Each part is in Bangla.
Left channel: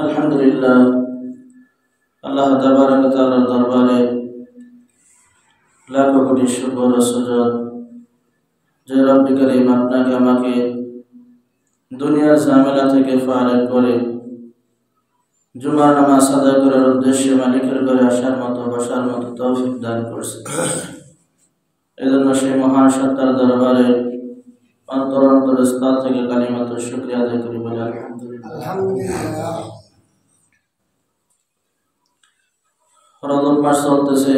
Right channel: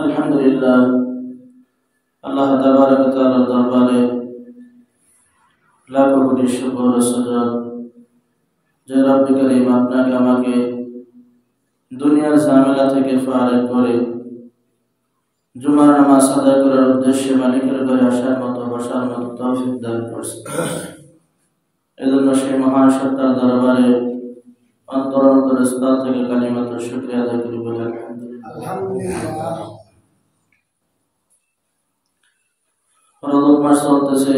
আলহামদুলিল্লাহ, আল্লাহ তাবারক ওয়া তাআলার দরবারে লাখ কোটি শুকর ও সুজুদ যে রব্বুল কারীম আপনাকে আমাকে দুনিয়ার ঝামেলা থেকে ফারেক করে জুমার নামাজ আদায় করার উদ্দেশ্যে মালিকের ঘরে আসার মতো বসার মতো তৌফিক দান করেছে। এজন্য সেই মহান সত্তার দরবারে অন্তর স্থল থেকে কালিমাতুর শুকরিয়া আদায় করি বলে আলহামদুলিল্লাহ। রজব মাস চলতেছে,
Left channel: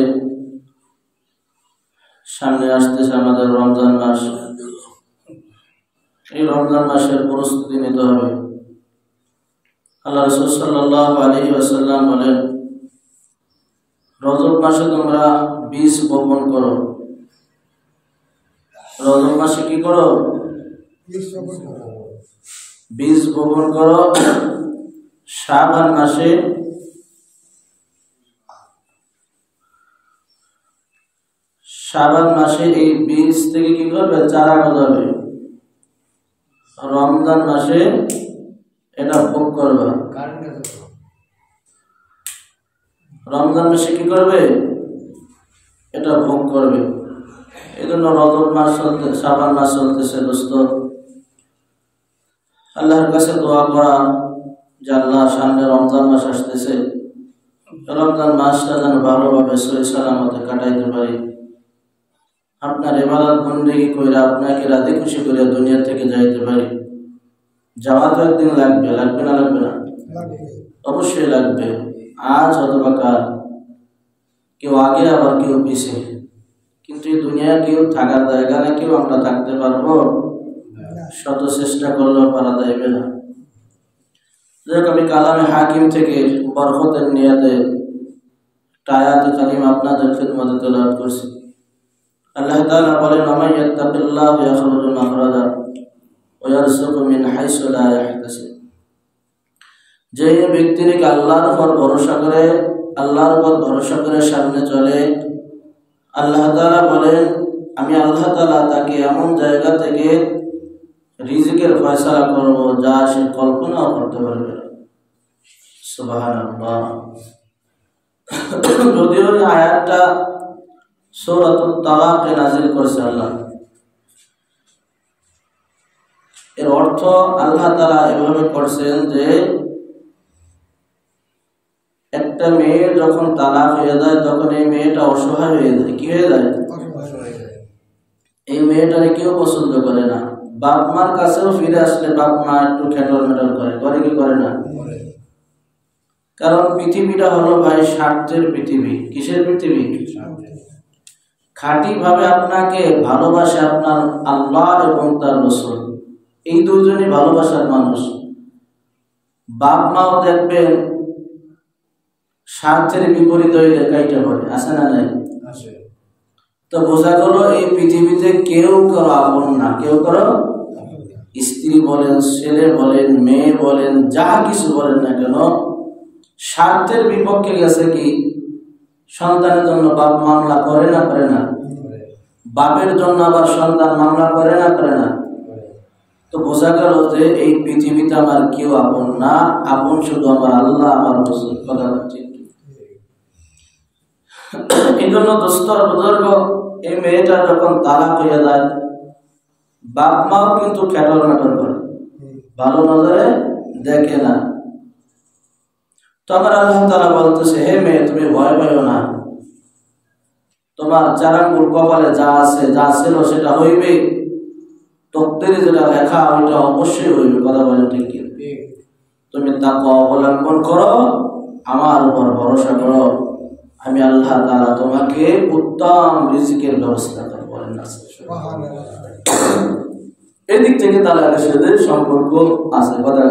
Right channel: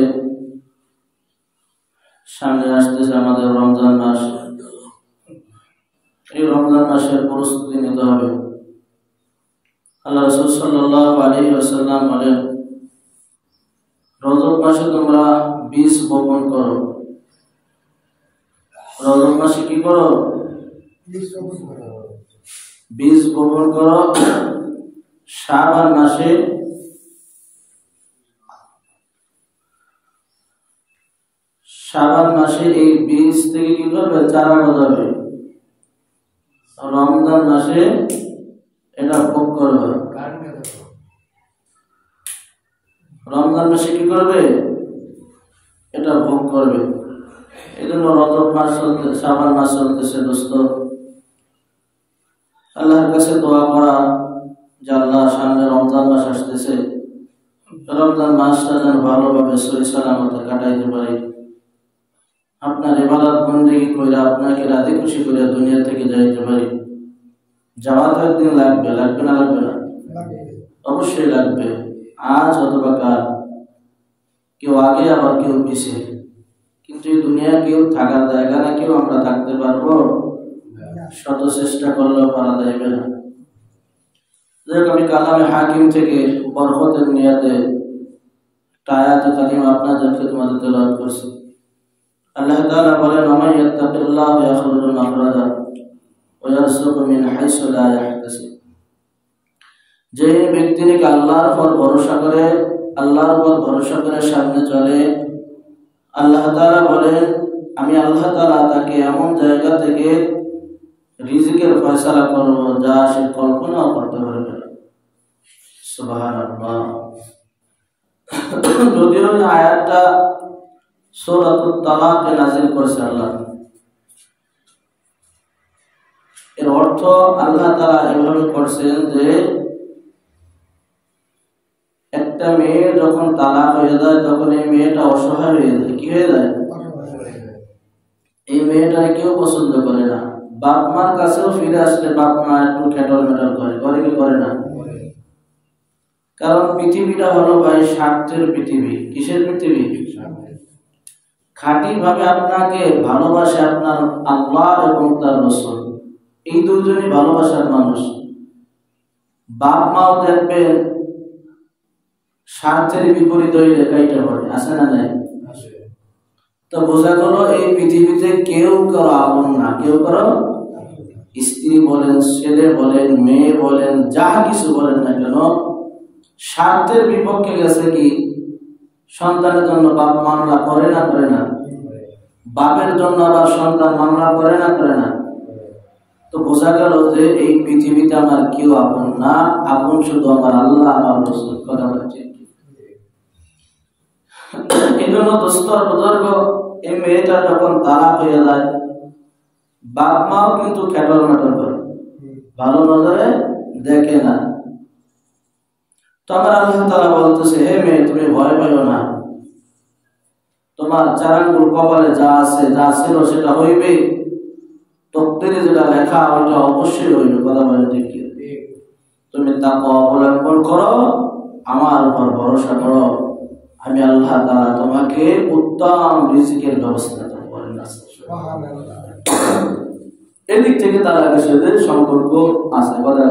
সামনে আসতেছে আমাদের রমজান মাস। এই রমজান মাসের প্রস্তুতি নিতে হবে। আল্লাহ রাসূল সাল্লাল্লাহু আলাইহি ওয়াসাল্লাম বলেন, রজব মাসে তোমরা বীজ বপন করো। রজব মাসে কি করো? বীজ বপন করো। শাবান মাসে এই বীজ থেকে কি করবে? চারা গজাবে। রমজান মাসে এটা ভোগ করবে। রমজান মাসে কি করবে? এটা ভোগ করবে। এই জন্য রজব মাস চলতে, শাবান মাস চলতেছে। দোস্ত, আল্লাহর কাছে দোয়া করা যে আল্লাহ, সামনে রমজান মাস আসতেছে, রমজান মাসটা যেন ভালোভাবে সহি সালামতে কাটাইতে পারি। আপনার ইবাদত বন্দেগী কইরা আপনাকে রাজি খুশি করে দুনিয়া থেকে যাইতে পারি। যাওয়ার তো একদিন লাগবে, লাগবে না? লাগবে না? অবশ্যই লাগবে। আজ অথবা কাল, কেউ আগে আবার কেউ পিছিয়ে। কিন্তু এই দুনিয়া কেউ থাকার জায়গা না, কেউ আমরা থাকতে পারবো? শত চেষ্টা করলেও পারা যাইবে না। যাক, আমি কালামে হাকিম থেকে বরকতের নিয়াতে আয়াতে কারিমা আপনাদের খিদমতে তেলাওয়াত করছি। আল্লাহ তাআলা বলেন, ওয়া ইয়াত্তাকিল্লাহ ইয়াখলুকু মাখরাজা ওয়া ইয়ারযুকু মিন হাইসু লা ইয়াহতাসিব। যে ব্যক্তি নাকি আল্লাহর উপর ভরসা করে সামনে চলে, আল্লাহ তাআলা বলেন, আমি আল্লাহ তাআলা তাকে এমন জায়গা থেকে রিজিকের ফয়সালা করব যা সে কল্পনাও করতে পারবে না। সুবহানাল্লাহ। যদিও এই আয়াতটা সূরাতুত তালাকে নাযিল করেছে আল্লাহ। এর অর্থ আল্লাহ তাআলা এভাবে করছেন যে একটা মেয়ে যখন তালাক হয়ে যায়, তখন এই মেয়েটা অসহায় হয়ে যায়। কি হয়ে যায়? এই মেয়েটাকে কেউ পছন্দ করে না। বাপ মার কাছেও ফিরে আসলে বাপ মা একটু খেটল মেটল করে কি করে না? কারণ পৃথিবীটা হলো ভাই স্বার্থের পৃথিবী। কিসের পৃথিবী? খাঁটি ভাবে আপনাকে ভালোবাসে আপনার আল্লাহ এবং তার রাসূল, এই দুইজনই ভালোবাসার মানুষ। বাপ মাও দেখবেন স্বার্থের বিপরীত হয়ে কাইটা পড়ে, আছে না নাই? তো বোঝা গেল এই পৃথিবীতে কেউ কারো আপন না। কেউ কারো, স্ত্রী বলেন, ছেলে বলেন, মেয়ে বলেন, যা কিছু বলেন না কেন, স্বার্থের বিপক্ষে গেছে কি সন্তানের জন্য বাপ মামলা করে না? করে না? বাপের জন্য আবার সন্তান মামলা করে না? করে না? তো বোঝা গেল যে এই পৃথিবীতে আমার কেউ আপন না, আপন শুধু আমার আল্লাহ, আমার রাসূল। কথা বলছি। এই জন্য দোস্তর বুজুর্গ, এই মেয়েটা যখন তালাক হয়ে যায়, বাপ মাও কিন্তু খেটল মেটল করে, ভালো নজরে দেখে না। তো আমার আল্লাহ তাআলা বলতেছে, হে মেয়ে, তুমি ভয় পাইও না। তোমার চারাঙ্গুল কপালে যা আছে, যা ছিল সেটা হইবে। তকদিরে যেটা লেখা ওইটা অবশ্যই হইবে। কথা বলেন ঠিক কি? তুমি তাকওয়া অবলম্বন করো, আমার উপর ভরসা করো, আমি আল্লাহ তাআলা তোমাকে উত্তম রিজিকের ব্যবস্থা করব। এদিক থেকে তালাকের সাথে সম্পর্ক আছে। কথা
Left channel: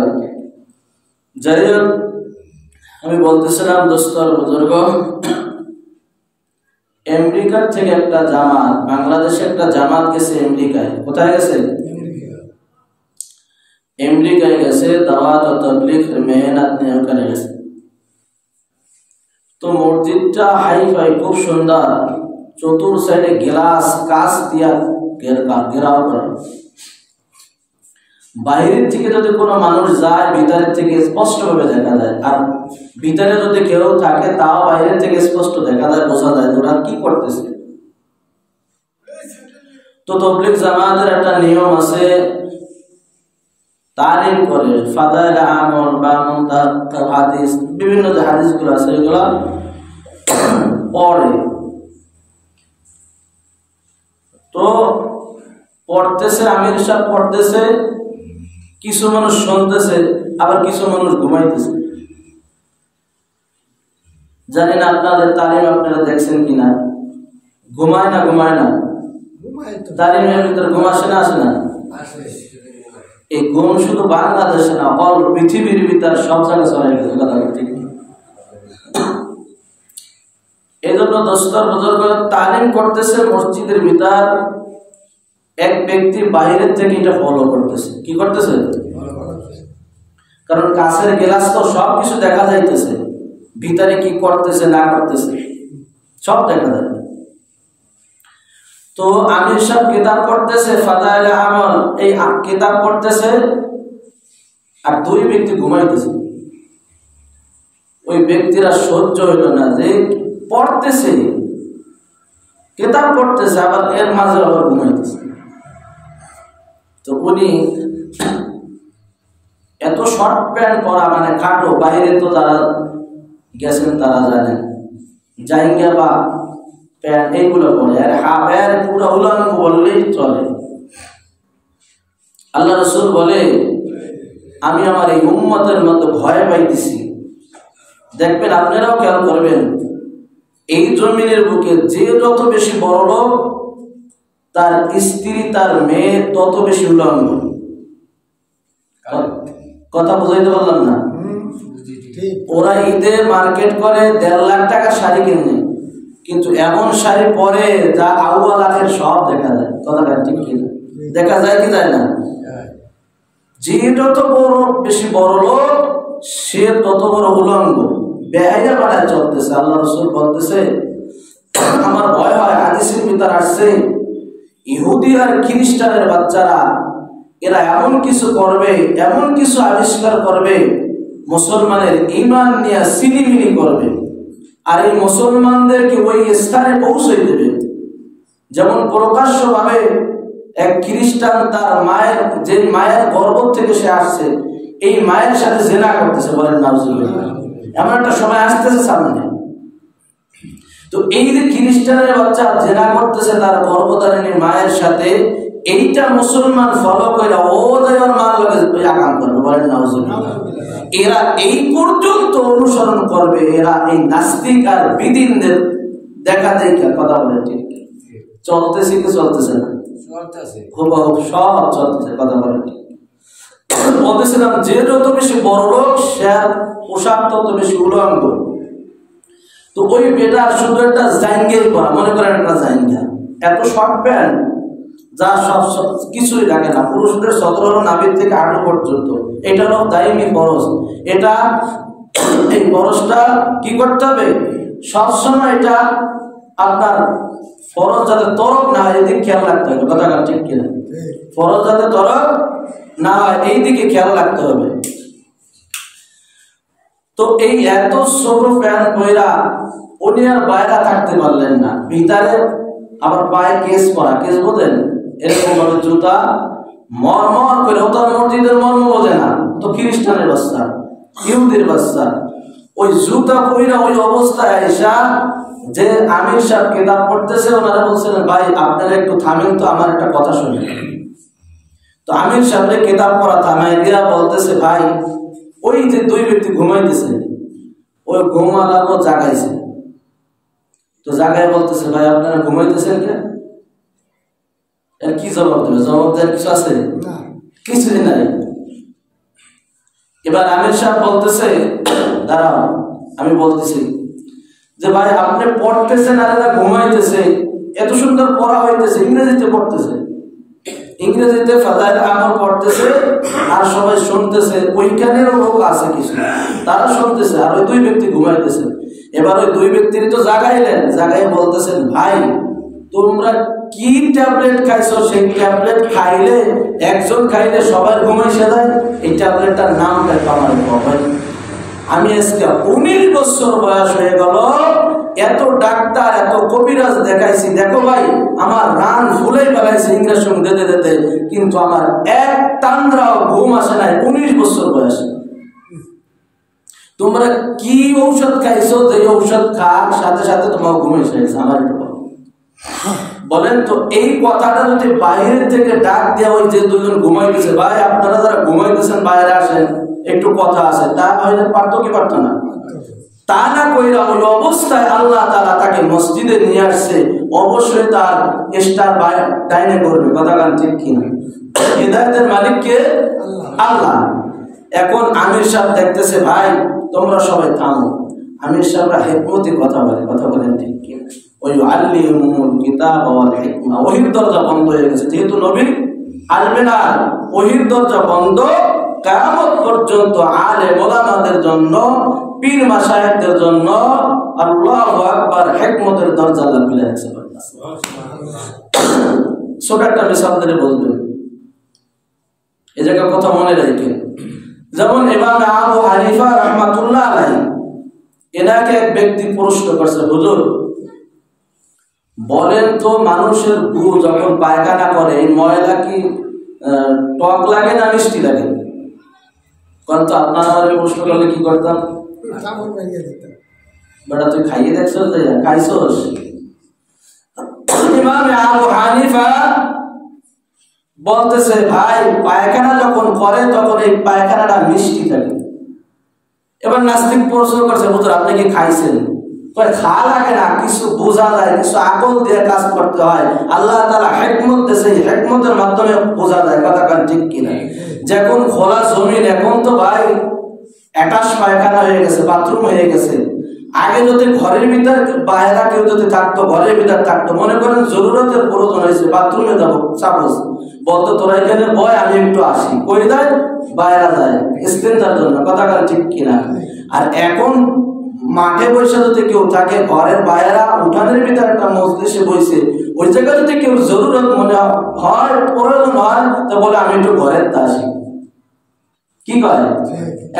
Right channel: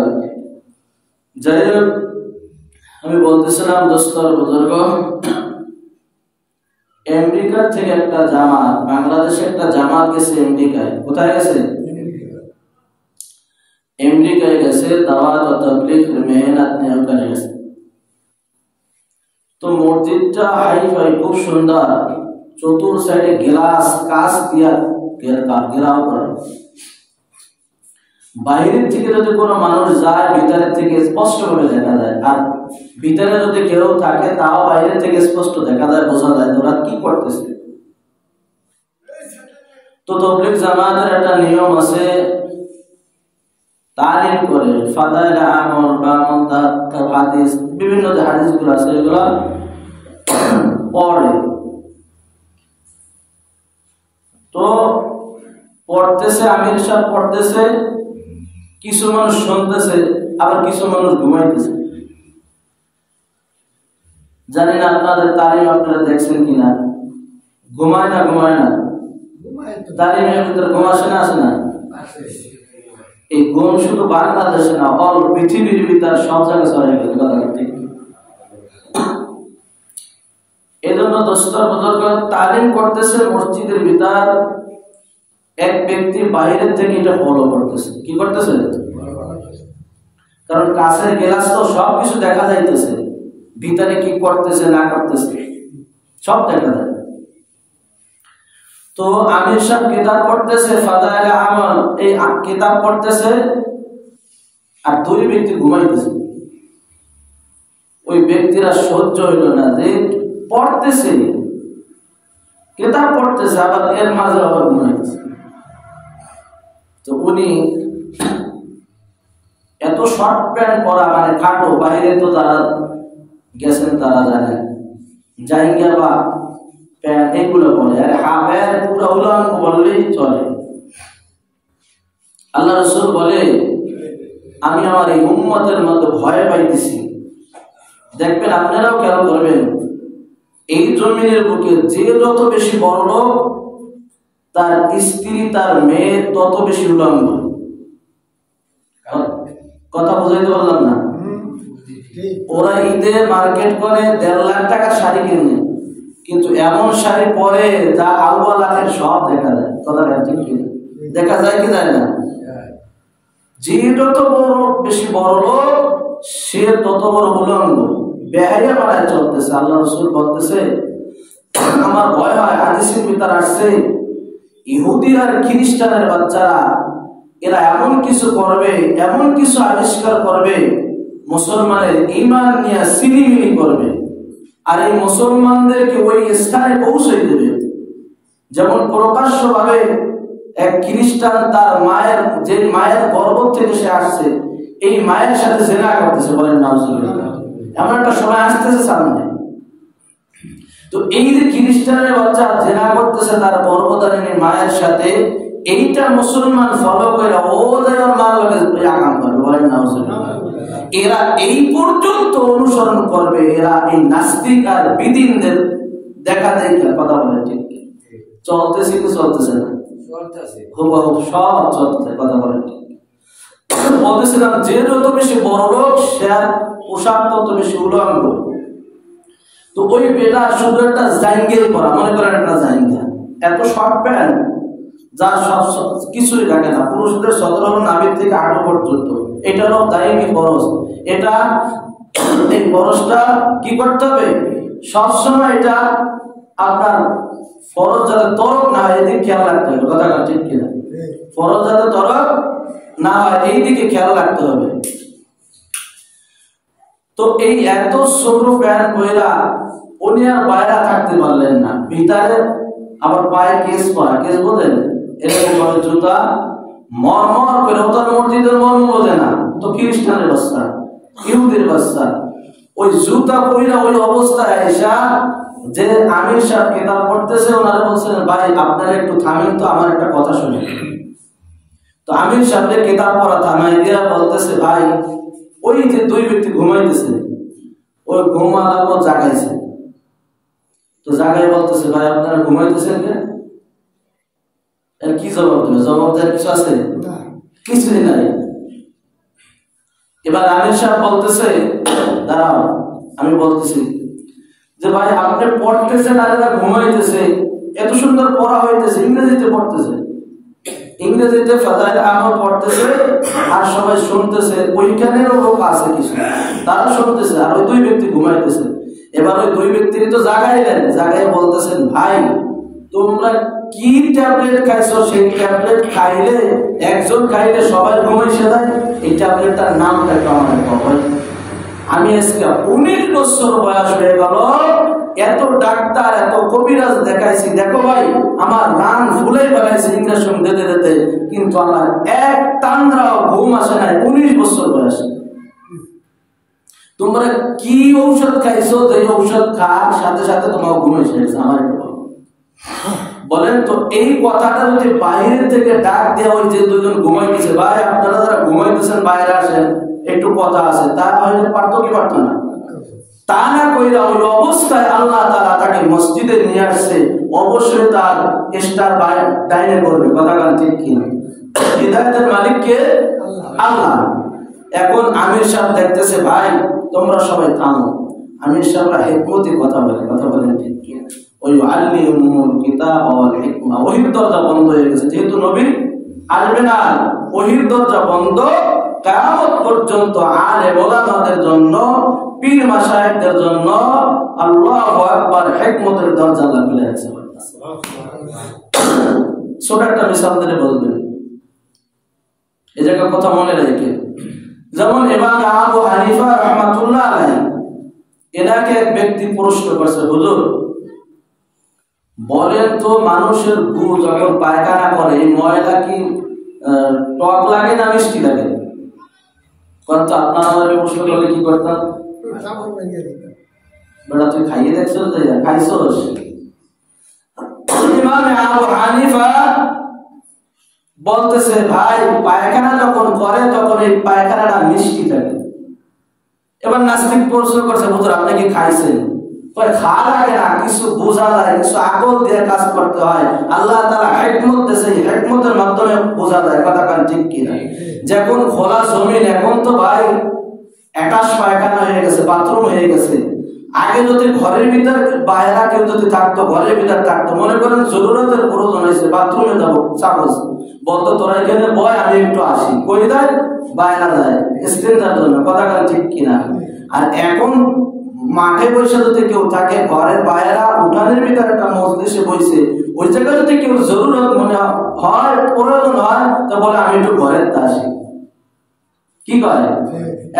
যাই হোক, আমি বলতেছিলাম দোস্তর বুজুর্গ, আমেরিকার থেকে একটা জামাত, বাংলাদেশে একটা জামাত গেছে আমেরিকায়। কোথায় গেছে? আমেরিকায় গেছে, দাওয়াত ও তাবলীগ মেহনত নিয়ে ওখানে গেছে। তো মসজিদটা হাই-ফাই, খুব সুন্দর, চতুর সাইডে গ্লাস কাঁচ দিয়া ঘেরাও করা। বাইরের থেকে যদি কোনো মানুষ যায় ভিতরের থেকে স্পষ্টভাবে দেখা যায়, আর ভিতরে যদি কেউ থাকে তাও বাইরের থেকে স্পষ্ট দেখা যায়, বোঝা যায় তোরা কি করতেছে। তো তাবলীগ জামাতের একটা নিয়ম আছে, তালিম করে ফাদাইল আমল বা হাদিস, বিভিন্ন যে হাদিসগুলো আছে এগুলো পড়ে। তো পড়তেছে, আমির সাহেব পড়তেছে, কিছু মানুষ শুনতেছে, আবার কিছু মানুষ ঘুমাইতেছে। জানি না আপনাদের তালিম আপনারা দেখছেন কিনা, ঘুমায় না ঘুমায় না? তালিমের ভিতরে ঘুম আসে না আসে না? এই ঘুম শুধু বাংলাদেশে না, অল পৃথিবীর ভিতরে সব জায়গায় ছড়িয়ে গেছে। কথা ঠিক। এই জন্য দোস্তর বুজুর্গ তালিম করতেছে মসজিদের ভিতর, এক ব্যক্তি বাইরের থেকে এটা ফলো করতেছে। কি করতেছে? কারণ কাছের গ্লাস তো সবকিছু দেখা যাইতেছে, ভিতরে কি করতেছে না করতেছে সব দেখা যায়। তো আমির সাহেব কিতাব পড়তেছে, ফাদাইল আমল, এই কিতাব পড়তেছে, আর দুই ব্যক্তি ঘুমাইতেছে। ওই ব্যক্তিরা সহ্য হইল না যে পড়তেছে, কিতাব পড়তেছে, আবার এর মাঝে আবার ঘুমাইতেছে। তো উনি এত শর্ট প্যান্ট পরা, মানে কাটো, বাইরে তো তারা গেছেন তারা জানেন, জাইঙ্গা বা প্যান্ট এগুলো পরে, আর হাফের পুরো উলাঙ্গ বললেই চলে। আল্লাহ রাসূল বলে, আমি আমার এই উম্মতের মধ্যে ভয় পাইতেছি। দেখবেন আপনারাও খেয়াল করবেন, এই জমিনের বুকে যে যত বেশি বড় লোক, তার স্ত্রী তার মেয়ে তত বেশি উলঙ্গ। কথা বুঝাইতে পারলাম না? ওরা ঈদে মার্কেট করে 1.5 লাখ টাকা শাড়ি কিনে, কিন্তু এমন শাড়ি পরে যা আউয়াল আখের সব দেখা যায়। কথা ঠিক কিনা? দেখা যায় কি যায় না? যে যত বড় বেশি বড় লোক, সে তত বড় উলঙ্গ, বেহাইয়া বানায় চলতেছে। আল্লাহ রাসূল বলতেছে, আমার ভয় হয়, হাদিসের ভিতরে আসছে, ইহুদি আর খ্রিস্টানের বাচ্চারা এরা এমন কিছু করবে, এমন কিছু আবিষ্কার করবে, মুসলমানের ঈমান নিয়ে সিলিমিলি করবে, আর এই মুসলমানদেরকে ওই স্থানে পৌঁছে দেবে। যেমন প্রকাশ্যভাবে এক খ্রিস্টান তার মায়ের, যে মায়ের গর্ভ থেকে সে আসছে, এই মায়ের সাথে জেনা করতেছে, বলেন নাউজুবিল্লাহ। এমন একটা সময় আসতেছে সামনে। তো এই যে খ্রিস্টানের বাচ্চা জেনা করতেছে তার গর্ভধারিণী মায়ের সাথে, এইটা মুসলমান ফলো করে ওদের মান লাগে আকাম করবে, বলেন নাউজুবিল্লাহ। এরা এই পর্যন্ত অনুসরণ করবে, এরা এই নাস্তিক আর বিদিনদের দেখা দেখে কথা বলে ঠিক চলতেছে কি চলতেছে না? হুবহু সব চলতেছে, কথা বলে ঠিক। বলতেছিলাম, যে যত বেশি বড় লোক, সে পোশাক তত বেশি উলঙ্গ। তো ওই বেটা শুধু একটা জাইঙ্গেই করা, মনে করেন একটা জাইঙ্গা, এত শর্ট প্যান্ট যা সব কিছুই লাগে না। পুরুষদের সদর হলো নাভির থেকে হাঁটু পর্যন্ত, এটা হলো দায়মি ফরজ। এটা এই ফরজটা কি করতে হবে? সবসময় এটা আপনার ফরজ যাতে তরক না হয়, এদিকে খেয়াল রাখতে হবে। কথা ঠিক কিনা? ফরজ যাতে তরক না হয়, এই দিকে খেয়াল রাখতে হবে। তো এই এত ছোট প্যান্ট পরা উনি আর বাইরে থাকতে পারলেন না, ভিতরে আবার পায়ে কেস পরা, কেস বোঝেন? এরকম ভাবে জুতা মরমর করে, ওটার মসজিদের মর্ম বোঝে না, তো খ্রিস্টানের বাচ্চা, ইহুদির বাচ্চা, ওই জুতা পইরা ওই অবস্থায় আইসা যে আমির সাহেব কিতাব পড়তেছে, ওনারা বলছেন, ভাই আপনারা একটু থামেন তো, আমার একটা কথা শুনেন। তো আমির সাহেবের কিতাব পড়া থামাই দিয়া বলতেছে, ভাই ওই যে দুই ব্যক্তি ঘুমাইতেছে, ওই ঘুমানো জাগাইছে। তো জাগায় বলতেছে, ভাই আপনারা ঘুমাইতেছেন কে? কি জবাব দেবে? জবাব দেওয়ার কিছু আছে? কিছুই নাই। এবার আমির সাহেব বলতেছে, দাঁড়াও আমি বলতেছি যে ভাই আপনি পড়তেছেন আর এরা ঘুমাইতেছে, এত সুন্দর পড়া হইতেছে, ইংরেজিতে পড়তেছে, ইংরেজিতে ফাদাইল আমল পড়তেছে, আর সবাই শুনতেছে, ওইখানেরও লোক আছে কিছু, তারা শুনতেছে, আর ওই দুই ব্যক্তি ঘুমাইতেছে। এবার ওই দুই ব্যক্তির তো জাগাইলেন, জাগাই বলতেছেন, ভাই তোমরা কি ট্যাবলেট খাইছো, সেই ট্যাবলেট খাইলে একজন খাইলে সবাই ঘুমাইছে যায়, এই ট্যাবলেটটার নাম দেখো আমার বাবা। আমি আজকে 19 বছর বয়স হয়ে গেল, এত ডাক্তার এত কবিরাজ দেখাইছি, দেখো ভাই আমার রান ভুলেই বেড়াইছে ইঞ্জেকশন দিতে দিতে, কিন্তু আমার এক তান্দ্রাও ঘুম আসে নাই 19 বছর বয়সে। তোমরা কি ঔষধ খাইছো, যে ঔষধ খাওয়ার সাথে সাথে তোমার ঘুম এসে গেছে? আমার বলেন তো, এই কথাটা যদি বাইরের থেকে ডাক দেওয়া হয় যে দুজন ঘুমাইতেছে, ভাই আপনারা যারা ঘুমাইতেছেন বাইরে আসেন, একটু কথা আছে, তা হয়তো পারতো কি পারতো না? তা না কইরা ওই অবস্থায় আল্লাহ তাআলা তাকে মসজিদে নিয়ে আসছে, অবশ্যই তার স্টার ডাইনে করবে। কথা গান ঠিক কিনা? হিদায়াতের মালিক কে? আল্লাহ। এখন আমির সাহেব দেখতেছে, ভাই তোমরা সবাই থামো। আমির সাহেবরা হিকমতি কথা বলেন ঠিক কিনা? ওই আল্লিমুল কিতাব ওয়াল হিকমা, ওহির দরজা বন্ধ হয়ে গেছে, যেহেতু নবী আসবে না, ওহির দরজা বন্ধ। কিয়ামত পর্যন্ত আলেম ওলামাদের জন্য, পীর মাশায়েখদের জন্য আল্লাহু আকবার হিকমতের দরজা খুলে আছে। ছোট একটা মিসাল দিয়ে বলবেন, এই জায়গা কথা মনে রাখেন। যেমন ইমাম আবু হানিফা রাহমাতুল্লাহ আলাইহি, এনাকে এক ব্যক্তি প্রশ্ন করছে, হুজুর বলেন তো মানুষের গু যখন পায়খানা করে, এই ময়লা কি টক লাগে না মিষ্টি লাগে? কত আপনারা প্রশ্ন করলে কি করতাম? বেটা তুই খাইয়ে দেখছস? খাইছস? ইমাম আবু হানিফা বলতেছে, ভাই পায়খানা যখন করে তখন এই পায়খানাটা মিষ্টি থাকে। এবার নাস্তিক প্রশ্ন করছে, হুজুর আপনি কি খাইছেন? খাওয়া লাগে না, কিছু বোঝা যায়, কিছু আকল দিয়ে কাজ করতে হয়। আল্লাহ তাআলা হিকমত দিয়েছে, হিকমতের মাধ্যমে বোঝা যায়। কথা কান ঠিক কিনা? যখন খোলা জমিন, এখন তো ভাই অ্যাটাচ পায়খানা হয়ে গেছে, বাথরুম হয়ে গেছে। আগে যদি ঘরের ভিতর বাইরে কেউ যদি থাকতো, ঘরের ভিতর থাকতো, মনে করেন জরুরতের প্রয়োজন হয়েছে, বাথরুমে যাবো, সাপোজ বলতো তোরা এখানে বয়, আমি একটু আসি, কই যায়? বাইরে যায় স্ত্রীর জন্য। কথা কান ঠিক কিনা? আর এখন মাঠে বসে যদি কেউ থাকে, ঘরের বাইরে উঠানের ভিতরে একটা মজলিসে বসে, ওই জায়গায় যদি কেউ জরুরত মনে হয়, প্রয়োজন হয়, তো বলে আমি একটু ঘরের আসি। কি করে?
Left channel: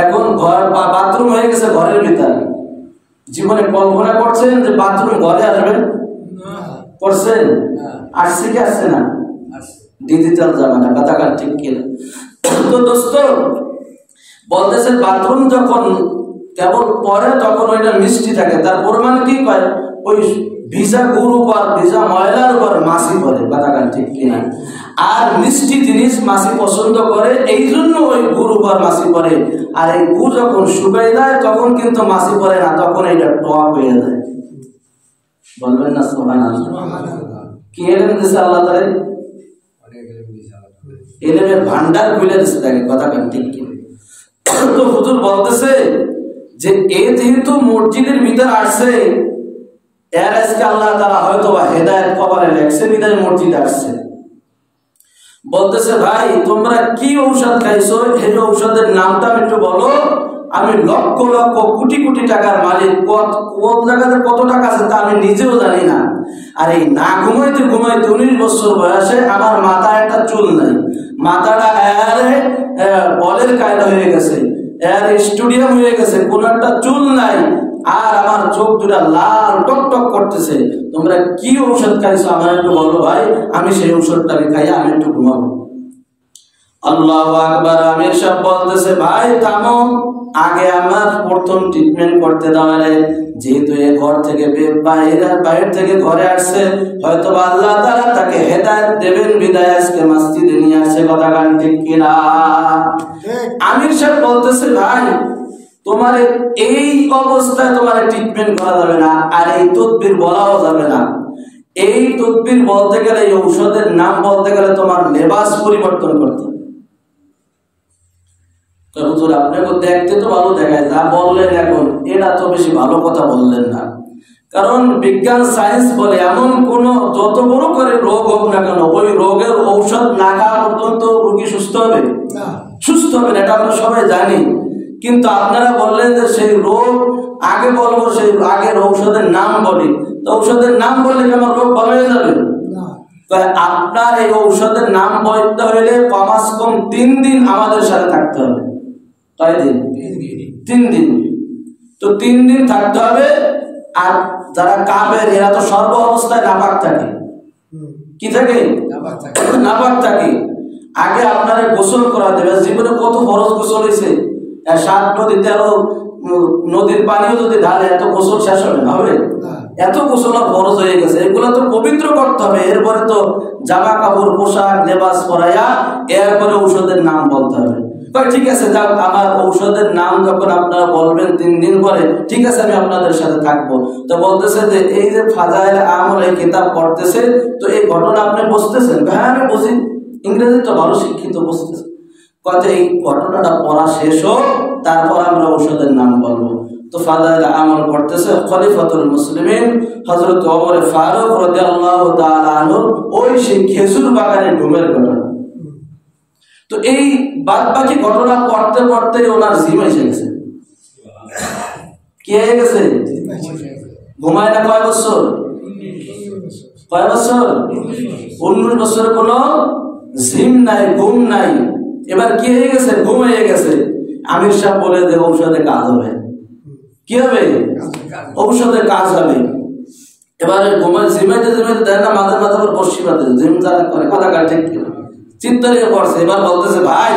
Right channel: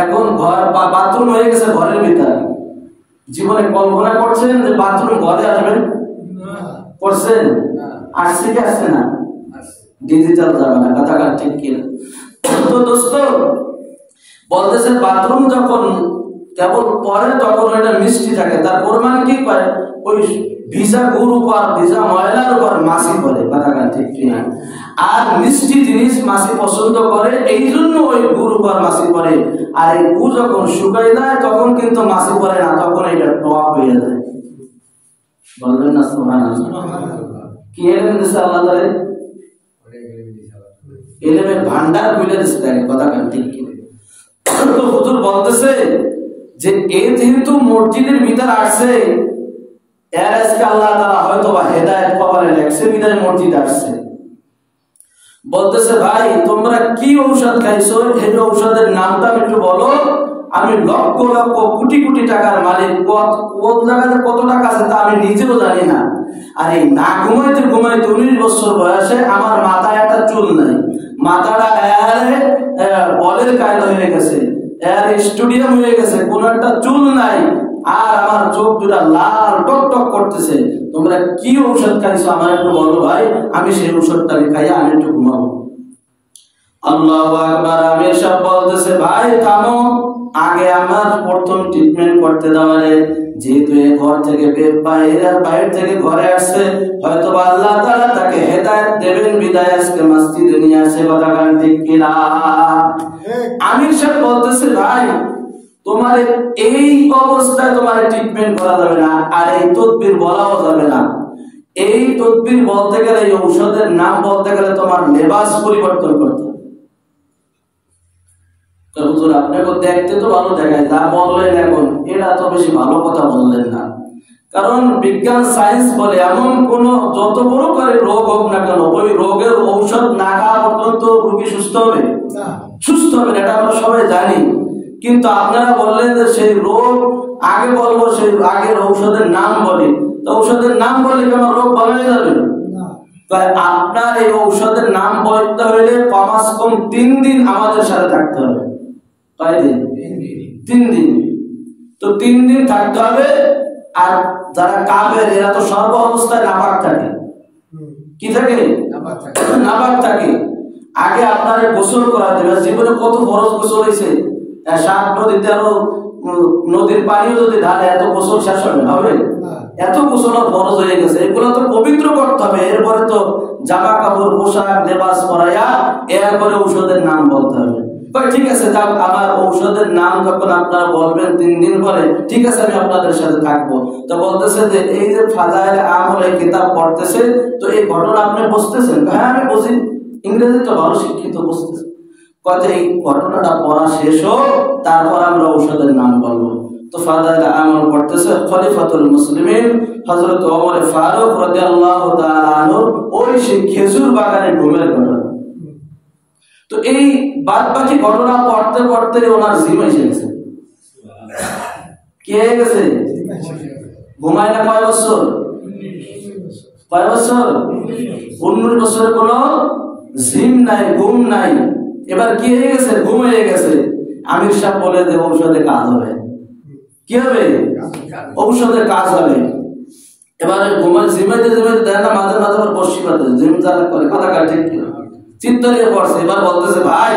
এখন ঘর বাথরুম হয়ে গেছে ঘরের ভিতরে। জীবনে কল্পনা করছেন যে বাথরুম ঘরে আসবেন? করছেন? আসছে কি আসছে না? ডিজিটাল যাবে না। কথা কার ঠিক কিনা? তো দোস্ত বলতেছে, বাথরুম যখন কেবল পরে তখন ওইটা মিষ্টি থাকে, তার প্রমাণ কি পায়? ওই ভিজা গুড় উপর, ভিজা ময়লার উপর মাছি পড়ে। কথা কার ঠিক কিনা? আর মিষ্টি জিনিস মাছি পছন্দ করে, এই জন্য ওই গুড় উপর মাছি পড়ে। আর এই গুড় যখন শুকাই যায় তখন কিন্তু মাছি পড়ে না, তখন এটা টক হয়ে যায়। বলবেন না সুবহানাল্লাহ? কি এলেম দিছে আল্লাহ তাআলা? এলেমের ভান্ডার খুলে দিছে। কথা কান ঠিক কিনা? তো হুজুর বলতেছে যে এ যেহেতু মসজিদের ভিতর আসছে, এর আজকে আল্লাহ তাআলা হয়তো বা হেদায়েত কবরে লেখছে, বিদায় মসজিদ আসছে। বলতেছে, ভাই তোমরা কি ঔষধ খাইছো, এই ঔষধের নামটা একটু বলো। আমি লক্ষ লক্ষ কোটি কোটি টাকার মালিক, কোন জায়গাতে কত টাকা আছে তা আমি নিজেও জানি না। আর এই না ঘুমাইতে ঘুমাইতে 19 বছর বয়সে আমার মাথায় একটা চুল নাই, মাথাটা বলের কায়দা হয়ে গেছে, স্টুডিয়াম হয়ে গেছে, কোন একটা চুল নাই, আর আমার চোখ দুটা লাল টক টক করতেছে। তোমরা কি ঔষধ খাইছো আমার একটু বলো ভাই, আমি সেই ঔষধটা খাইয়া আমি একটু ঘুমাবো। আল্লাহু আকবার। আমির সাহেব বলতেছে, ভাই থামো, আগে আমার প্রথম ট্রিটমেন্ট করতে দাও। যেহেতু এ ঘর থেকে বাইরে থেকে ঘরে আসছে, হয়তো আল্লাহ তাআলা তাকে হেদায়েত দেবেন, বিদায় আজকে মসজিদে নিয়ে আসে। কথা গান ঠিক কিনা? আমির সাহেব বলতেছে, ভাই তোমার এই অবস্থায় তোমার ট্রিটমেন্ট করা যাবে না, আর এই তদবির বলাও যাবে না। এই তদবির বলতে গেলে, এই ঔষধের নাম বলতে গেলে তোমার লেবাস পরিবর্তন করতে হবে। তো হুজুর আপনাকে দেখতে তো ভালো দেখায়, যা বললেন এখন এটা তো বেশি ভালো কথা বললেন না। কারণ বিজ্ঞান সায়েন্স বলে এমন কোন যত বড় করে রোগ হোক না কেন, ওই রোগের ঔষধ না খাওয়া পর্যন্ত রোগী সুস্থ হবে না, সুস্থ হবে না, এটা আমরা সবাই জানি। কিন্তু আপনারা বললেন যে সেই রোগ আগে বলবো, সেই আগের ঔষধের নাম বলি। তো ঔষধের নাম বললে কেন রোগ ভালো হয়ে যাবে? আপনার এই ঔষধের নাম বলতে হইলে কমাস কম 3 দিন আমাদের সাথে থাকতে হবে। কয়দিন? 3 দিন। তো 3 দিন থাকতে হবে। আর যারা কাফের এরা তো সর্ব অবস্থায় নাপাক থাকে। কি থাকে? নাপাক থাকে। আগে আপনারে গোসল করা দেবে। জীবনে কত ফরজ গোসল হয়েছে, 7 নদী 13 নদীর পানিও যদি ঢালে এত গোসল শেষ হবে? এত গোসল ফরজ হয়ে গেছে। এগুলো তো পবিত্র করতে হবে। এরপরে তো জামা কাপড় পোশাক লেবাস পরাইয়া এরপরে ঔষধের নাম বলতে হবে। ঠিক আছে, আমার ঔষধের নাম যখন আপনারা বলবেন 3 দিন পরে, ঠিক আছে আমি আপনাদের সাথে থাকবো। তো বলতেছে যে এই যে ফাজাইল আমল এই কিতাব পড়তেছে, তো এই ঘটনা আপনি বুঝতেছেন? হ্যাঁ আমি বুঝি, ইংরেজি তো ভালো শিক্ষিত, বুঝতেছে। কত এই ঘটনাটা পড়া শেষ হোক, তারপর আমরা ঔষধের নাম বলবো। তো ফাজাইল আমল পড়তেছে খলিফাতুল মুসলিমিন হযরত ওমর ফারুক রাদিয়াল্লাহু তাআলা আনহু ওই সেই খেজুর বাগানে ঘুমের ঘটনা। তো এই বাদ বাকি ঘটনা পড়তে পড়তে ওনার জিম এসে গেছে। কি হয়ে গেছে? ঘুমায় না কয় বছর? কয় বছর? 19 বছর কোনো জিম নাই, ঘুম নাই। এবার কি হয়ে গেছে? ঘুম হয়ে গেছে। আমির সাহেব বলে যে ঔষধে কাজ হবে। কি হবে? ঔষধে কাজ হবে। এবারে ঘুমায় জিমাইতে জিমাইতে দেয় না, মাঝে মাঝে আবার বসি বাঁধে, জিম যারা করে কথা কাটে চিন্তারিয়ে পড়ছে। এবার বলতেছে ভাই,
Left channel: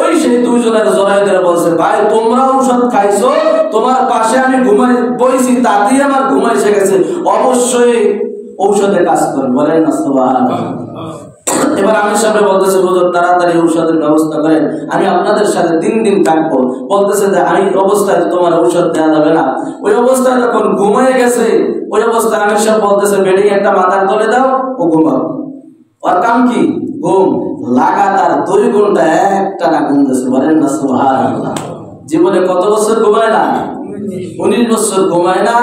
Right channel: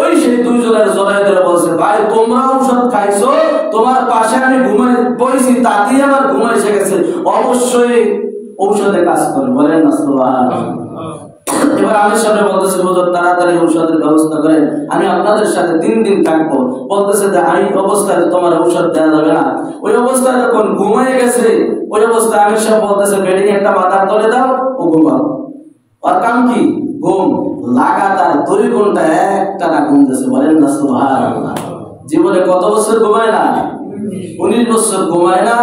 ওই সেই 2 জনের জড়াই ধরে বলছে ভাই তোমরা ঔষধ খাইছো, তোমার পাশে আমি ঘুমাই বইছি, তাতেই আমার ঘুমাই এসে গেছে, অবশ্যই ঔষধে কাজ করে। বলেন না সুবহানাল্লাহ। এবার আমির সাহেব বলতেছে হুজুর তাড়াতাড়ি ঔষধের ব্যবস্থা করেন, আমি আপনাদের সাথে 3 দিন থাকবো। বলতেছে যে আমি অবস্থায় তোমার ঔষধ দেওয়া যাবে না। ওই অবস্থায় যখন ঘুমায় গেছে, ওই অবস্থায় আমির সাহেব বলতেছে বেডিং একটা মাথার তলে দাও, ও ঘুমাও। ওর কাম কি? ঘুম। লাগাতার 2 ঘন্টা একটানা ঘুমতেছে। বলেন না সুবহানাল্লাহ। জীবনে কত বছর ঘুমায় না? 19 বছর ঘুমায় না।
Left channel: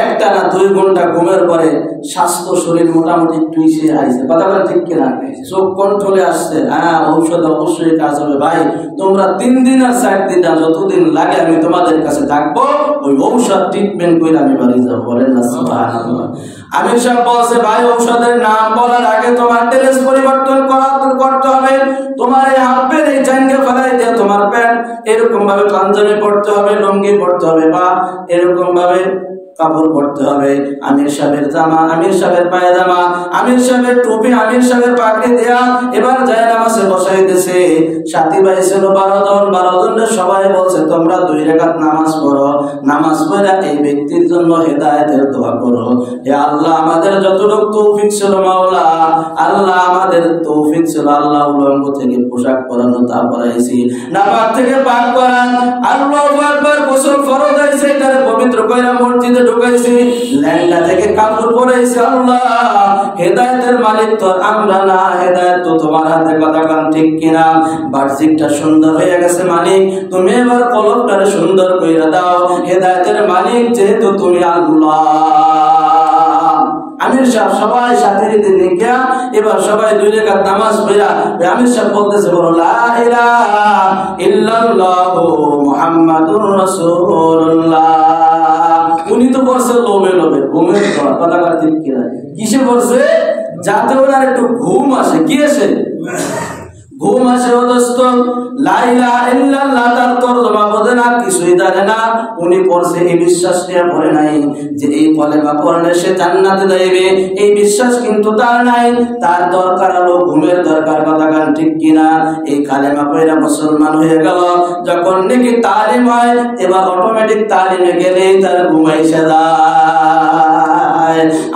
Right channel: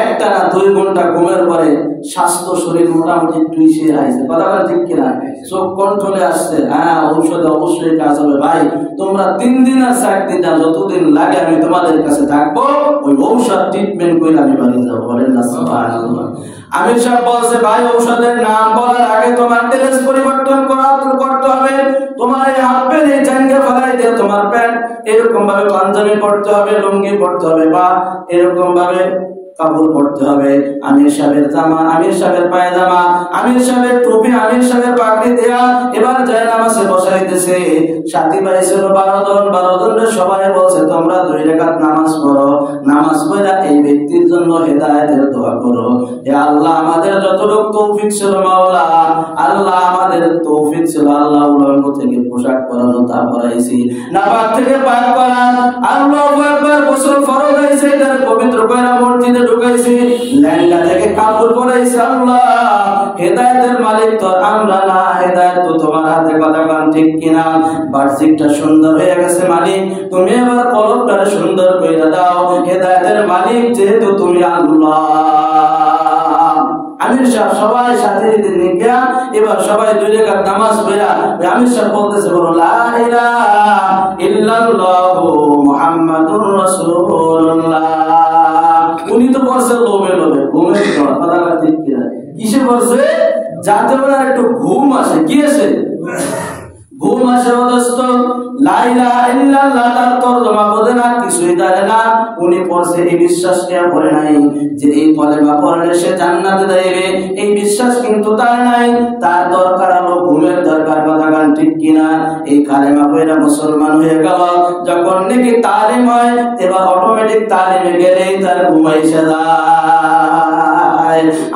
একটানা 2 ঘন্টা ঘুমের পরে স্বাস্থ্য শরীর মোটামুটি একটু ইসে আইছে। কথা বলে ঠিক কিনা? চোখ কন্ট্রোলে আসছে। হ্যাঁ ঔষধে অবশ্যই কাজ হবে। ভাই তোমরা 3 দিন আর 4 দিন আর যতদিন লাগে আমি তোমাদের কাছে থাকবো, ওই ঔষধ ট্রিটমেন্ট করে আমি বাড়ি যাবো। বলেন না সুবহানাল্লাহ। আমির সাহেব বলছে ভাই ঔষধের নাম বলার আগে তোমার ড্রেস পরিবর্তন করতে হবে। তোমার এই হাফ প্যান্ট এই জাঙ্গা ফেলাই দিয়ে তোমার প্যান্ট এরকম ভাবে পাঞ্জাবি পরতে হবে, লুঙ্গি পরতে হবে, বা এরকম ভাবে কাপড় পরতে হবে। আমির সাহেবের জামা, আমির সাহেবের পায়জামা, আমির সাহেবের টুপি, আমির সাহেবের পাগড়ি দেয়া। এবার যায় নামাজে বসাইতেছে। সাথী ভাই ছিল 12 জন। 12 জনের সবাই বলছে তোমরা 2 রাকাত নামাজ পড়ো। নামাজ পড়া এই ব্যক্তির জন্য হেদায়েতের দোয়া করো। হে আল্লাহ আমাদের যতটুকু তৌফিক ছিল মাওলা, আল্লাহ আমাদের তৌফিক ছিল আল্লাহ উলঙ্গ থেকে পোশাক পরানো তা পরাইছি, নাপাক থেকে পাক করান। আল্লাহু আকবার। গোসল ফরজ হইছে, এটারে পবিত্র কইরা মসজিদে ঢুকাইছি, ল্যাংড়া থেকে কাপড় পরাইছি। আল্লাহ হেদায়েতের মালিক তো আমরা না, হেদায়েত তো তোমার হাতে। কথা কান ঠিক কিনা? বাহ্যিকটা সুন্দর হয়ে গেছে মালিক, তুমি এবার কলবটারে সুন্দর কইরা দাও। হেদায়েতের মালিক যেহেতু তুমি আল্লাহ। আমির সাহেব সবাই সাথে নিয়ে এবার সবাই 2 রাকাত নামাজ পড়া আমির সাহেব বলতেছে বলো লা ইলাহা ইল্লাল্লাহু মুহাম্মাদুর রাসূলুল্লাহ। উনি তো বলছে লোভে লোভে ঘুমের কথা ঠিক কিনা? কিসে বলছে? যাতে ওনার একটু ঘুম আসে। কি আসে? ঘুম আসে। দোস্ত লা ইলাহা ইল্লাল্লাহ তার তরজমা বোঝে না, কিছুই জানে না। উনি পড়ছে এই বিশ্বাস নিয়ে পড়ে নাই যে এই কলেমা পড়লে সে জান্নাতে যাবে, এই বিশ্বাস কিন্তু তার নাই। তার দরকার হলো ঘুমের দরকার। কথা গান ঠিক কিনা? এই কালেমা পড়া মুসলমান হয়ে গেল। যখন নাকি তালিম হয়, এবার অটোমেটিক তালিমে গেলেই তার ঘুমাই যায়।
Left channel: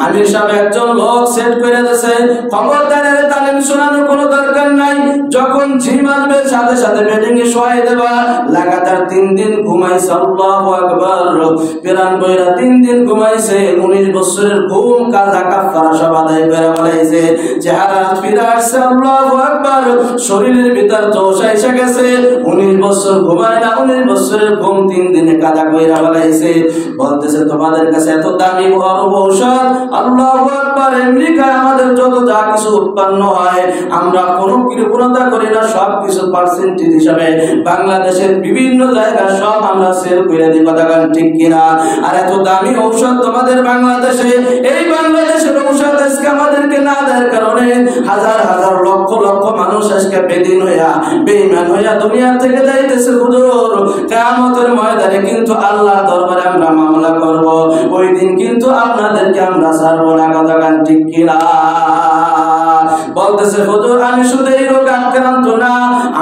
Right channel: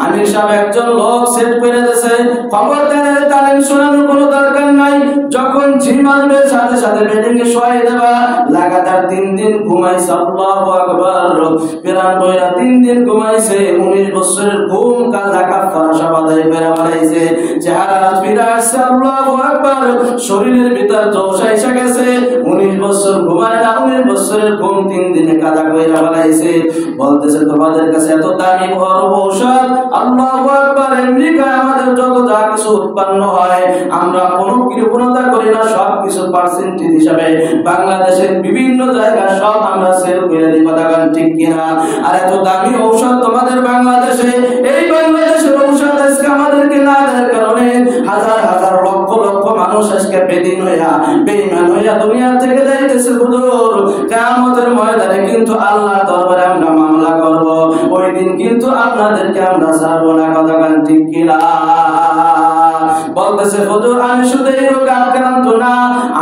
আমির সাহেব একজন লোক সেট করে দিয়েছে, খবরদারের তালিম শোনানোর কোনো দরকার নাই। যখন ঝিম আসবে সাথে সাথে বেডিং এ শোয়াই দেবা। লাগাতার 3 দিন ঘুমাইছে। আল্লাহু আকবার। পিরান বইরা 3 দিন ঘুমাইছে। 19 বছরের ঘুম কাজা কাফারা সব আদায় করে বলাইছে। চেহারা ফিরে আসছে। আল্লাহু আকবার। শরীরের ভিতর জোশ এসে গেছে। 19 বছর ঘুমায় না, 19 বছরের ঘুম 3 দিনে কাজা কইরা বলাইছে। বলতেছে তোমাদের কাছে এত দামি ঔষধ। আল্লাহু আকবার। আমেরিকায় আমাদের যত যা কিছু উৎপন্ন হয় আমরা কোনো কৃপণতা করি না, সব কিছু পার্সেন্টেজ হিসাবে বাংলাদেশের বিভিন্ন জায়গায় সব আমরা সেল করে দিই। কথা গান ঠিক কিনা? আর এত দামি ঔষধ তোমাদের বাংলাদেশে, এই বাংলাদেশের ঔষধ আজকে আমাদেরকে না দেওয়ার কারণে আজকে বেদিন হইয়া বেঈমান হইয়া দুনিয়া থেকে যাইতেছে হুজুর, কিয়ামতের ময়দানে কিন্তু আল্লাহর দরবারে আমরা মামলা করব, ওই দিন কিন্তু আপনাদেরকে আমরা ছাড়বো না। কথা গান ঠিক কিনা? বলতেছে হুজুর আমি শুধু এই রোগে আক্রান্ত না,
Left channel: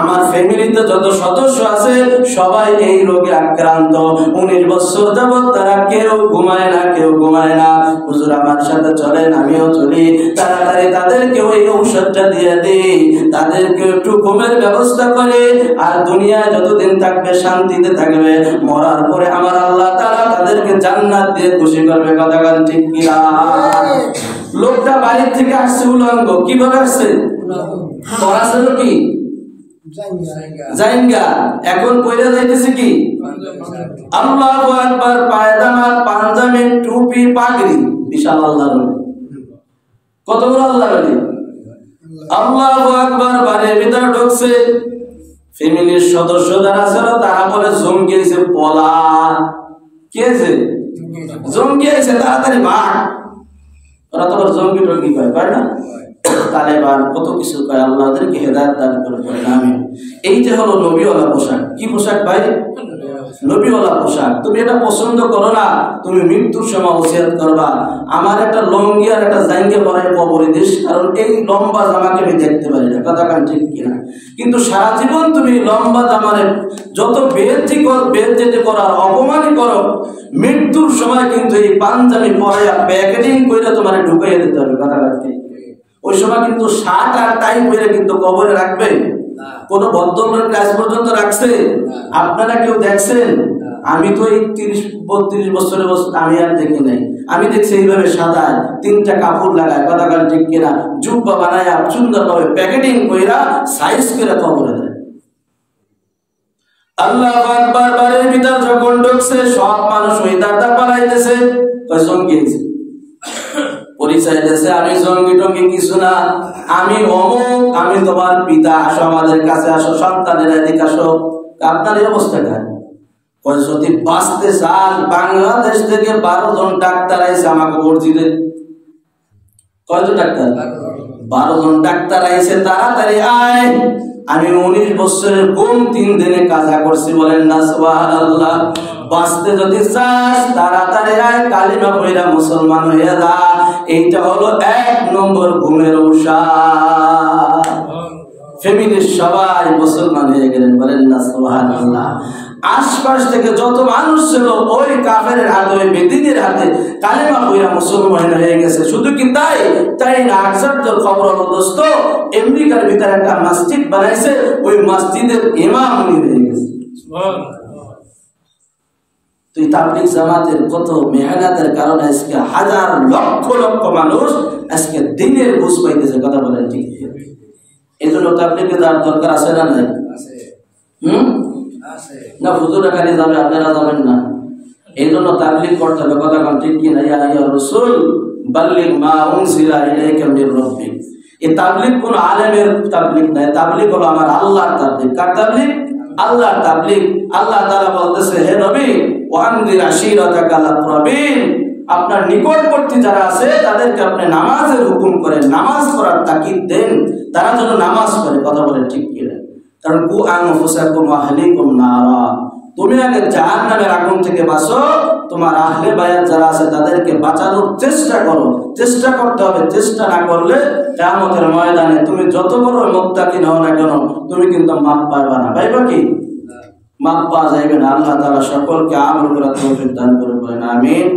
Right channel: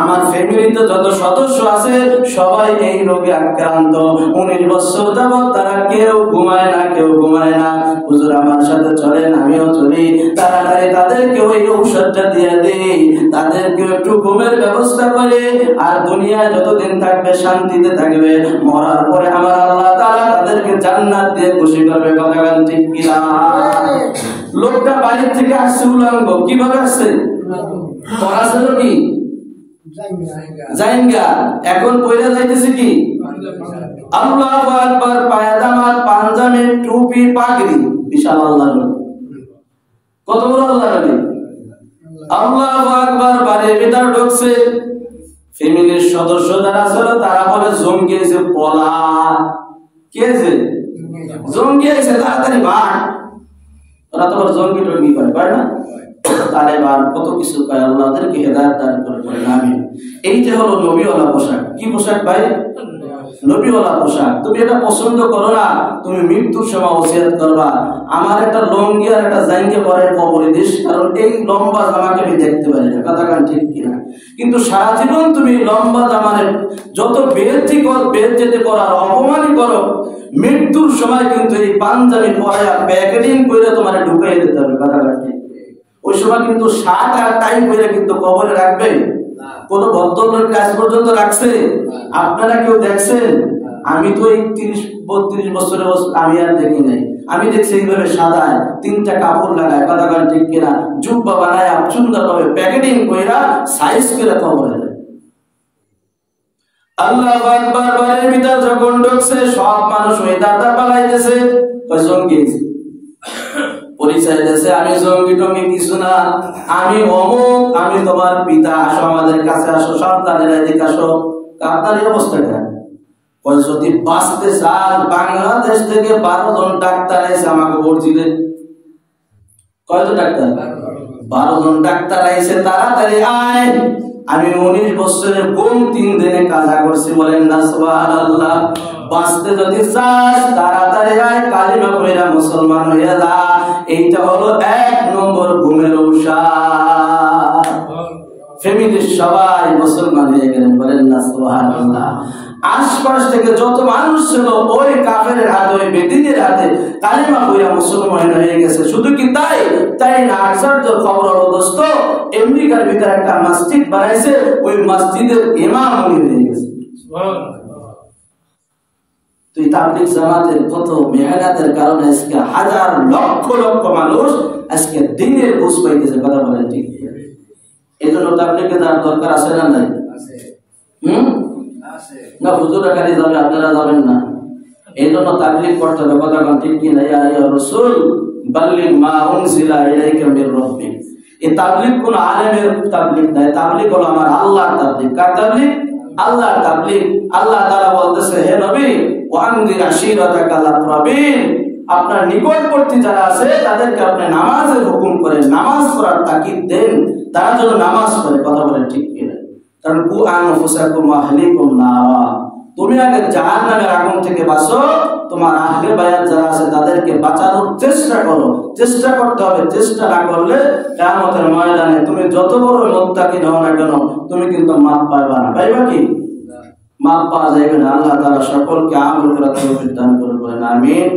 আমার ফ্যামিলিতে যত সদস্য আছে সবাই এই রোগে আক্রান্ত। 19 বছর যাবত তারা কেউ ঘুমায় না, কেউ ঘুমায় না। হুজুর আমার সাথে চলেন, আমিও চলি, তাড়াতাড়ি তাদেরকে ওই ঔষধটা দিয়ে দিই, তাদেরকে একটু ঘুমের ব্যবস্থা করে, আর দুনিয়ায় যতদিন থাকবে শান্তিতে থাকবে, মরার পরে আমার আল্লাহ তাআলা তাদেরকে জান্নাত দিয়ে খুশি করবে। কথা গান ঠিক কিনা? লোকটা বাড়ি থেকে আসছে উলঙ্গ, কিভাবে আসছে? পড়াছিল কি জাইঙ্গা, এখন কইরা যাইতেছে কি? আল্লাহু আকবার, পায়জামা, পাঞ্জাবি, টুপি, পাগড়ি, বিশাল আল্লাহর ওলি। কত বড় আল্লাহর ওলি! আল্লাহু আকবার, বাড়ির ভিতর ঢুকছে, ফ্যামিলির সদস্য যারা ছিল তারা বলে জঙ্গি আইছে, পলা কে আছে? জঙ্গি আইছে, তাড়াতাড়ি ভাগ। ওরা তো জঙ্গি টঙ্গি পায় না, তালেবান কত কিছু কয়, আল্লাহ তাদেরকে হেদায়েত দান করে। আমিন। এইটা হলো নবীওয়ালা পোশাক। কি পোশাক ভাই? নবীওয়ালা পোশাক। তুমি এটা পছন্দ করো না, তুমি মৃত্যুর সময় ওসিয়ত করবা আমার একটা লঙ্গি আর একটা জাঙ্গিয়া পরাই কবরে দিস, কারণ এই লম্বা জামাকে আমি দেখতে পারি না। কথা গান ঠিক কিনা? কিন্তু সারা জীবন তুমি লম্বা জামারে যত বেজ্জতি করার অপমানই করো, মৃত্যুর সময় কিন্তু এই পাঞ্জাবি পরাইয়া প্যাকেজিং করে তোমার ঢুকাইয়া দিতে হবে। কথা গান ঠিক? ওই সময় কিন্তু শার্ট আর টাই পরে কিন্তু কবরে রাখবে। কোন ভদ্রলোক আজ পর্যন্ত রাখছে? আপনারা কেউ দেখছেন? আমি তো এই 30-32 বছরের আমি আর দেখি নাই। আমি দেখছি এইভাবে সাদায় 3টা কাপড় লাগায়, কথা গান ঠিক কিনা, জুব্বা বানায় সুন্দরভাবে প্যাকেটিং কইরা সাইজ করে কবরে দেয়। আল্লাহু আকবার, বাড়ির ভিতর যখন ঢুকছে সব মানুষ ওই দাদা পালাইতেছে, কয় জঙ্গি পরিচয় দিয়েছে, আমি জঙ্গি টঙ্গি কিছু না, আমি অমুক, আমি তোমার পিতা, আসো আমাদের কাছে আসো, সন্তানের এদিকে আসো। আপনার এই অবস্থা কেন? যদি বাঁচতে চান, বাংলাদেশ থেকে 12 জন ডাক্তার আইছে আমাকে ভর্তিতে। কয়জন ডাক্তার? 12 জন ডাক্তার আইছে, তাড়াতাড়ি আয়। আমি 19 বছরের গুম 3 দিনে কাজা করছি, বলেন না সুবহানাল্লাহ। বাঁচতে যদি চাস তাড়াতাড়ি আয়, কালিমা পড়া মুসলমান হয়ে যা। এইটা হলো 1 নম্বর ঘুমের ঔষধ। ফ্যামিলির সবাই মুসলমান হয়ে গেলেন, বলেন না সুবহানাল্লাহ। আশপাশ থেকে যত মানুষ ছিল ওই কাফেরের হাতে, ওই বেদিনের হাতে কালিমা পড়া মুসলমান হয়ে গেছে। শুধু কি তাই না, আশ্চর্য খবর হলো দোস্ত, আমেরিকার ভিতরে একটা মসজিদ বানাইছে, ওই মসজিদের ইমাম উনি হয়ে গেছে। তুই তাবলীগ জামাতের কত মেহনতের কারণে আজকে হাজার লক্ষ লক্ষ মানুষ আজকে দিনের বুঝ পাইতেছে। কথা বলেন ঠিক? এই জন্য তাবলীগের দরকার আছে না নাই? না হুজুরা খালি যাবে, আপনারা যাবেন না। এই জন্য তাবলীগ করতে হবে। কথা বলেন ঠিক কি না? ইয়া আইয়ুর রাসূল বাল্লিগ মা উনজিলা ইলাইকা মির রাব্বিক। এই তাবলীগ কোন আলেমের তাবলীগ না, তাবলীগ হলো আমার আল্লাহর তাবলীগ। কার তাবলীগ? আল্লাহর তাবলীগ। আল্লাহ তাআলা বলতেছে, হে নবী ওয়ানদির আশীরাতাকাল আকরাবিন, আপনার নিকটবর্তী যারা আছে তাদেরকে আপনি নামাজের হুকুম করেন, নামাজ পড়ার তাকিদ দেন, তারা যেন নামাজ পড়ে। কথা বলেন ঠিক কি না? কারণ কু আনফুসাকুম ওয়া আহলিকুম নারা, তুমি আগে জাহান্নামের আগুন থেকে বাঁচো, তোমার আহলে বায়াত যারা আছে তাদেরকে বাঁচানোর চেষ্টা করো। চেষ্টা করতে হবে, চেষ্টা না করলে কিয়ামতের ময়দানে তুমি যত বড় মুত্তাকিন হও না কেন, তুমি কিন্তু মাপ পাইবা না। পাইবা কি? মাপ পাওয়া যাইবে না। আল্লাহ তাআলা সকলকে আমল করার তৌফিক দান করুন, আমিন।